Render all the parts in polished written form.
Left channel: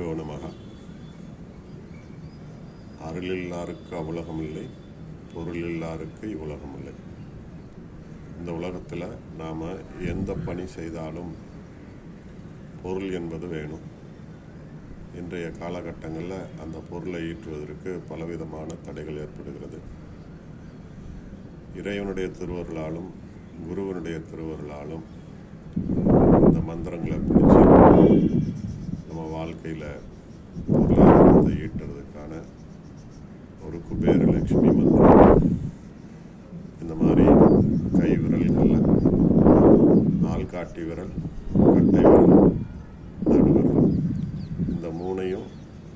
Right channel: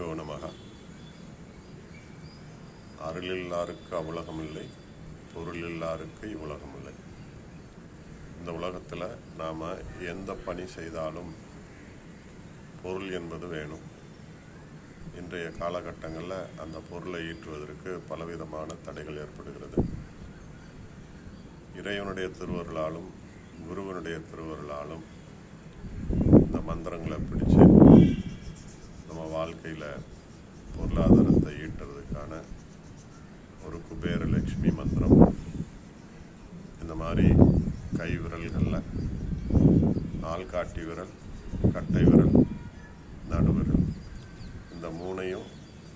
குருப்பியோ நமக. அருளில்லாருக்கு அவ்வுலகமில்லை, பொருளில்லாருக்கு இவ்வுலகமில்லை. இந்த உலகத்தில் நாம் எந்த பணி செய்தாலும் பொருள் என்பது வேணும். இன்றைய காலகட்டங்களில் அந்த பொருளை ஈட்டுவதற்கு பலவிதமான தடைகள் ஏற்படுகிறது. இறைவனுடைய திருவருளாலும் குருவனுடைய திருவருளாலும் இந்த மந்திரங்களை பிடிச்சி நம்ம வாழ்க்கையில் பொருளாதாரத்தை ஈட்டுறதுக்கான ஒரு குபேரலட்சுமி மந்திரம். இந்த மாதிரி கை விரல்களில் ஆள்காட்டி விரல், கட்டை விரல், நடுவிரல், இந்த மூணையும்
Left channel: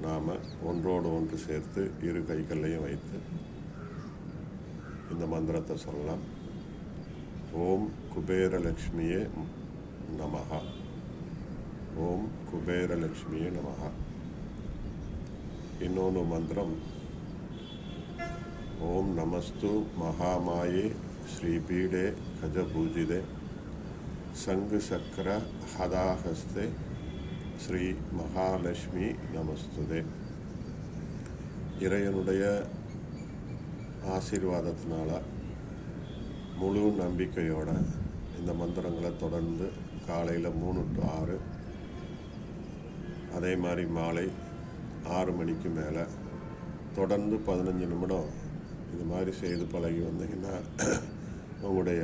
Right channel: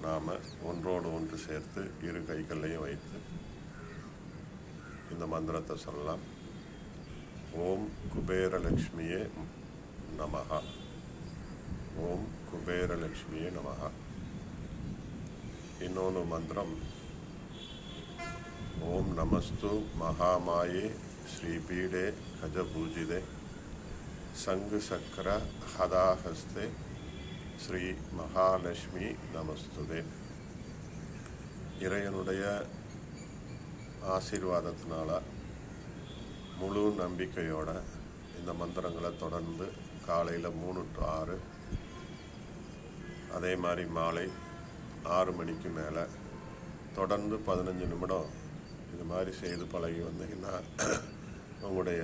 நாம் ஒன்றோடு ஒன்று சேர்த்து இரு கைகளையும் வைத்து இந்த மந்திரத்தை சொல்லலாம். ஓம் குபேரலட்சுமியே நமஹ. ஓம் குபேரலட்சுமியே நமஹ. இன்னொன்று மந்திரம், ஓம் நமஸ்து மகாமாயே ஸ்ரீபீடே கஜபூஜிதே சங்கு சக்கர ஹதாஹஸ்தே ஸ்ரீ மகாலட்சுமி நமஸ்துதே. இறைவனுடைய ஆசீர்வாதத்தினால முழு நம்பிக்கையோட இந்த மந்திரங்களை தொடர்ந்து காலையில் 3 to 6, அதே மாதிரி மாலை 6 மணிக்கு மேலே தொடர்ந்து 15 நிமிடம் இது மாதிரி செய்து பழகி வந்தீங்கன்னா உங்களுடைய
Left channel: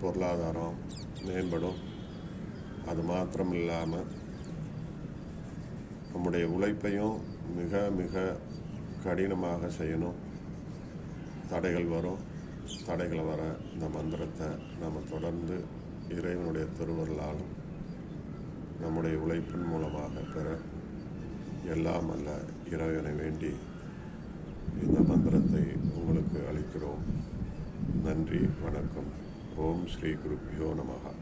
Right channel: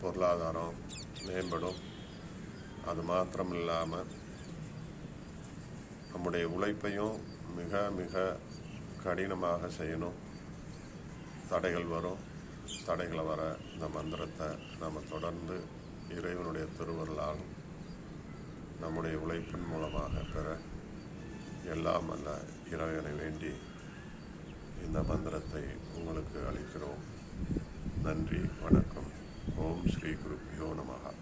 பொருளாதாரம் மேம்படும். அது மாத்திரம் இல்லாமல் நம்முடைய உழைப்பையும் மிக மிக கடினமாக செய்யணும். தடைகள் வரும். தடைகளை வர இந்த மந்திரத்தை நம்ம தொடர்ந்து இறைவனுடைய திருவருளாலும் நம்முடைய உழைப்பின் மூலமாக பெற எல்லாம் அல்ல இறைவனை வேண்டி இந்த மந்திரத்தை உங்களுக்கு அளிக்கிறோம். நன்றி, வணக்கம். ஓம் ஸ்ரீ குருப்பியோ நமக.